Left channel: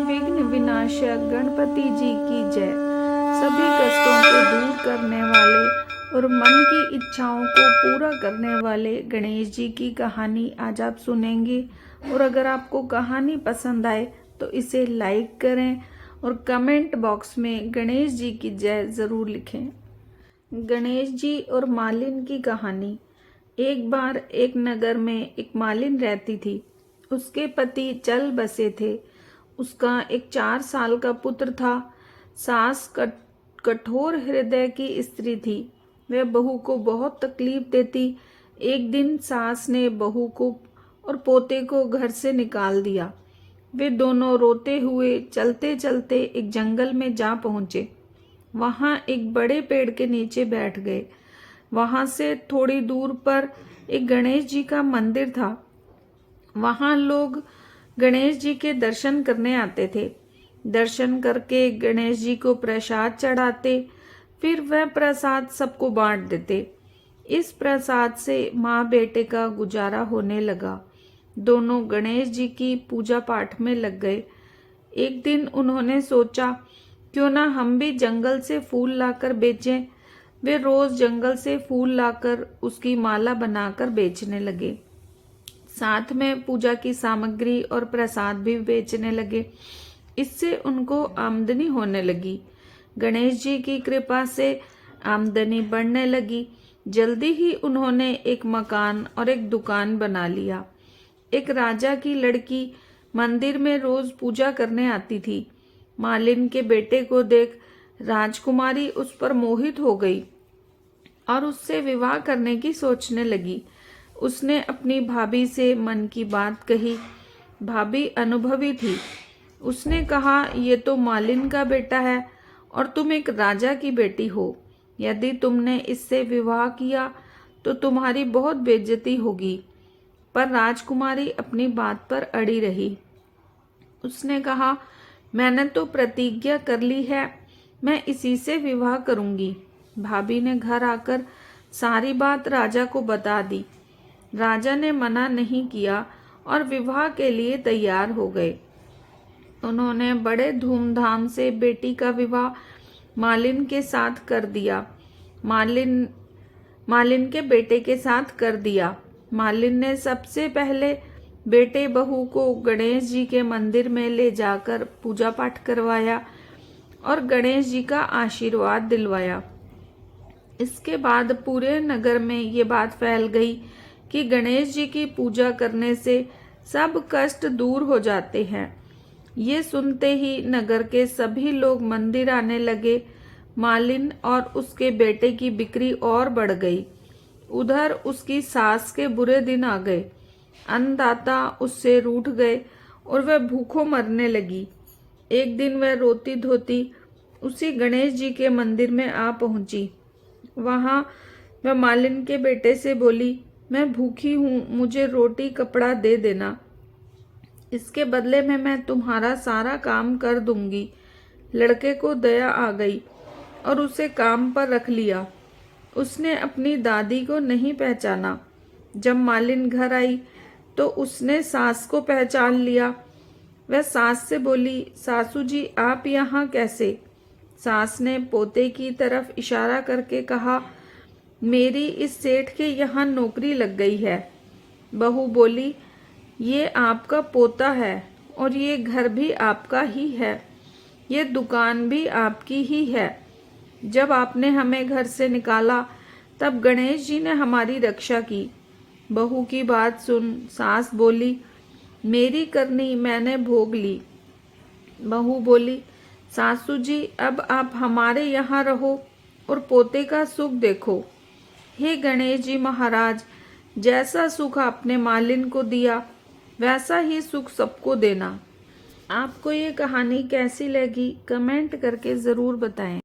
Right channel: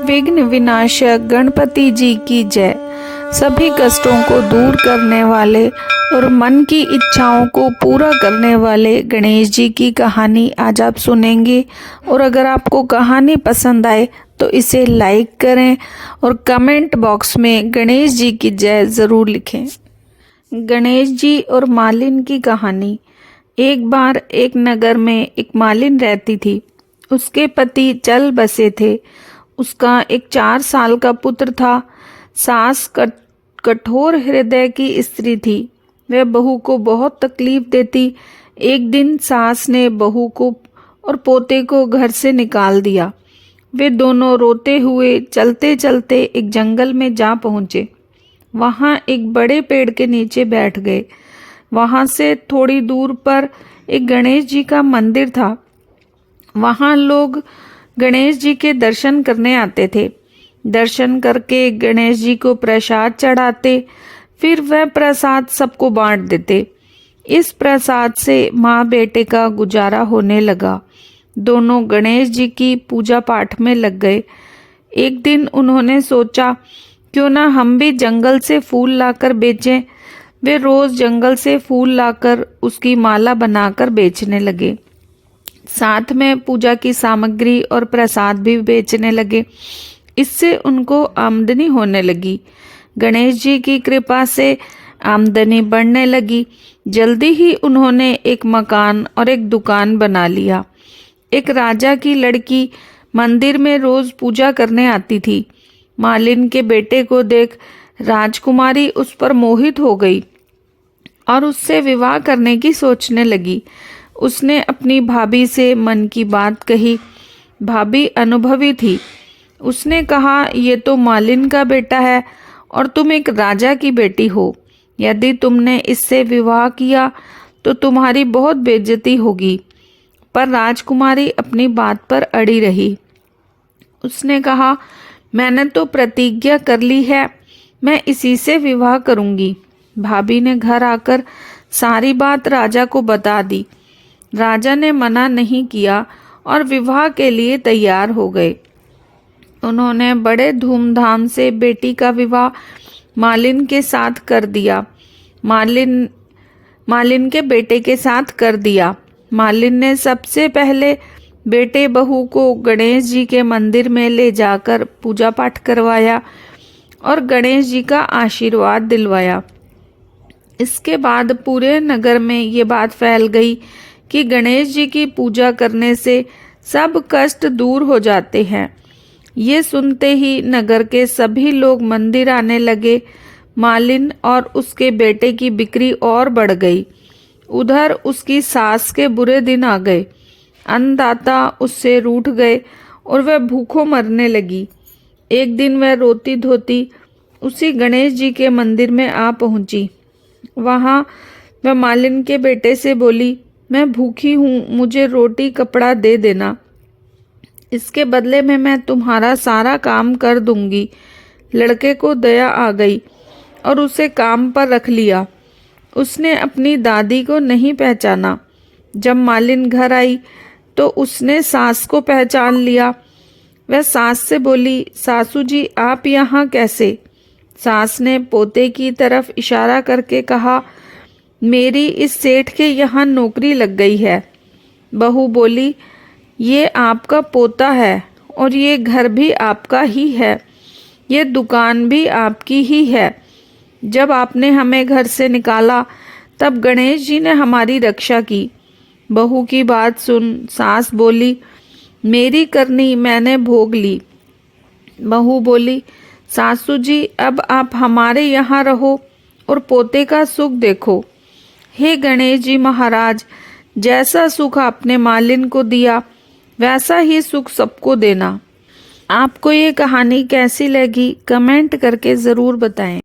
विघ्न विनाशक गणपति जी की जय। सभी कष्टों को दूर करने वाले और मन की इच्छाओं को पूरा करने वाले गणेश जी की कहानी आज आप सुनेंगे। और अगर आपको कहानी पसंद आए तो इसे लाइक करें और कमेंट बॉक्स में गणेश जी की जय ज़रूर लिखें। गणेश जी और मालिन की कहानी। एक बार एक नगर में एक मालिन रहती थी। उसके पति चल बसे थे। उसका एक 4 साल का पुत्र था। सास कठोर हृदय की स्त्री थी। वह बहू को बहुत तकलीफ देती। एक दिन सास ने बहू को और पोते को घर से निकाल दिया। वे दोनों रोते हुए चलते चलते एक जंगल में जा पहुँचे। वहाँ एक बड़े पेड़ के नीचे बैठ गए। वहाँ से थोड़ी दूर पर एक गणेश जी का मंदिर था। वहाँ लोग गणेश जी के दर्शन करने आते थे। दर्शन करके गणेश जी को प्रसाद चढ़ाते, फिर वह प्रसाद सबको बांट देते। इस प्रसाद से माँ बेटे का गुजारा होने लगा। दोनों गणेश जी की पूजा पाठ में लग गए। एक दिन उन्होंने सोचा, क्यों ना हम भी जंगल से फूल लाकर बेचें। वे रोज जंगल से फूल लाकर उसकी माला बनाकर बेचने लगे। साथ में पूजा की सामग्री और प्रसाद भी बेचने लगे। इससे उनको आमदनी होने लगी। गणेश जी की कृपा से आमदनी बढ़ने लगी। जल्दी ही उन्होंने एक मकान और एक दुकान बना लिया। एक राजा की लड़की मंदिर में रोज पूजा करने आती थी। मालिन के बेटे को देख राजकुमारी उस पर मोहित हो गई और उससे विवाह करने की सोचने लगी। उसने अपनी भाभी से मन की बात कही। भाभी अनुभवी थी। उसने कहा, ये तो मालिन का बेटा है और तुम एक राजा की बेटी हो। यदि तुमने इससे विवाह किया तो तुम्हारी बहुत बेइज्जती होगी। पर राजकुमारी अपनी बात पर अड़ी रही। उसने कहा, मैंने तो प्रतिज्ञा कर ली है, मैं इसी से विवाह करूंगी। भाभी ने घर आकर सारी बात राजा को बता दी। राजा ने मना नहीं किया और विवाह के लिए तैयार हो गए। उन्होंने बड़े धूमधाम से बेटी का विवाह मालिन के साथ कर दिया। मालिन के बेटे के साथ कर दिया। मालिन ने सबसे पहले बेटे बहू को गणेश जी के मंदिर में ले जाकर पूजा पाठ करवाया और गणेश जी का आशीर्वाद दिलवाया। इसके बाद पूरे नगर में ये बात फैल गई कि गणेश जी की पूजा करने से सब कष्ट दूर हो जाते हैं। ये सुनते ही नगर के सभी लोग मंदिर आने लगे। मालिन और उसके बेटे की बिक्री और बढ़ गई। उधर उसकी सास के बुरे दिन आ गए। अन्नदाता उससे रूठ गए और वह भूखों मरने लगी। एक दिन वह रोती धोती उसी गणेश जी के मंदिर में आ पहुंची। वहाँ वह मालिन के बेटे से बोली, मैं भूखी हूँ, मुझे रोटी कपड़ा दे देना। इसके बदले में मैं तुम्हारा सारा काम कर दूंगी। लड़के को दया आ गई और उसे काम पर रख लिया। उसने अपनी दादी को नहीं पहचाना। जब मालिन घर आई तो उसने सास को पहचान लिया। वह सास से बोली, सासू जी आप यहाँ कैसे? सास ने पोते की तरफ इशारा करके कहा, मेरी इस सेठ के यहाँ नौकरी लग गई है। बहू बोली, ये आपका पोता है और ये घर भी आपका ही है, ये दुकान भी आपकी ही है। जब आपने हमें घर से निकाला तब गणेश जी ने हमारी रक्षा की। बहू की बात सुन सास बोली, मेरी करनी मैंने भोग ली। बहू बोली, सासू जी अब आप हमारे यहाँ रहो और पोते का सुख देखो। हे गणेश जी महाराज, जैसा सुख आपने मालिन को दिया वैसा ही सुख सबको देना। आपको ये कहानी कैसी लगी कमेंट करके ज़रूर बताएं।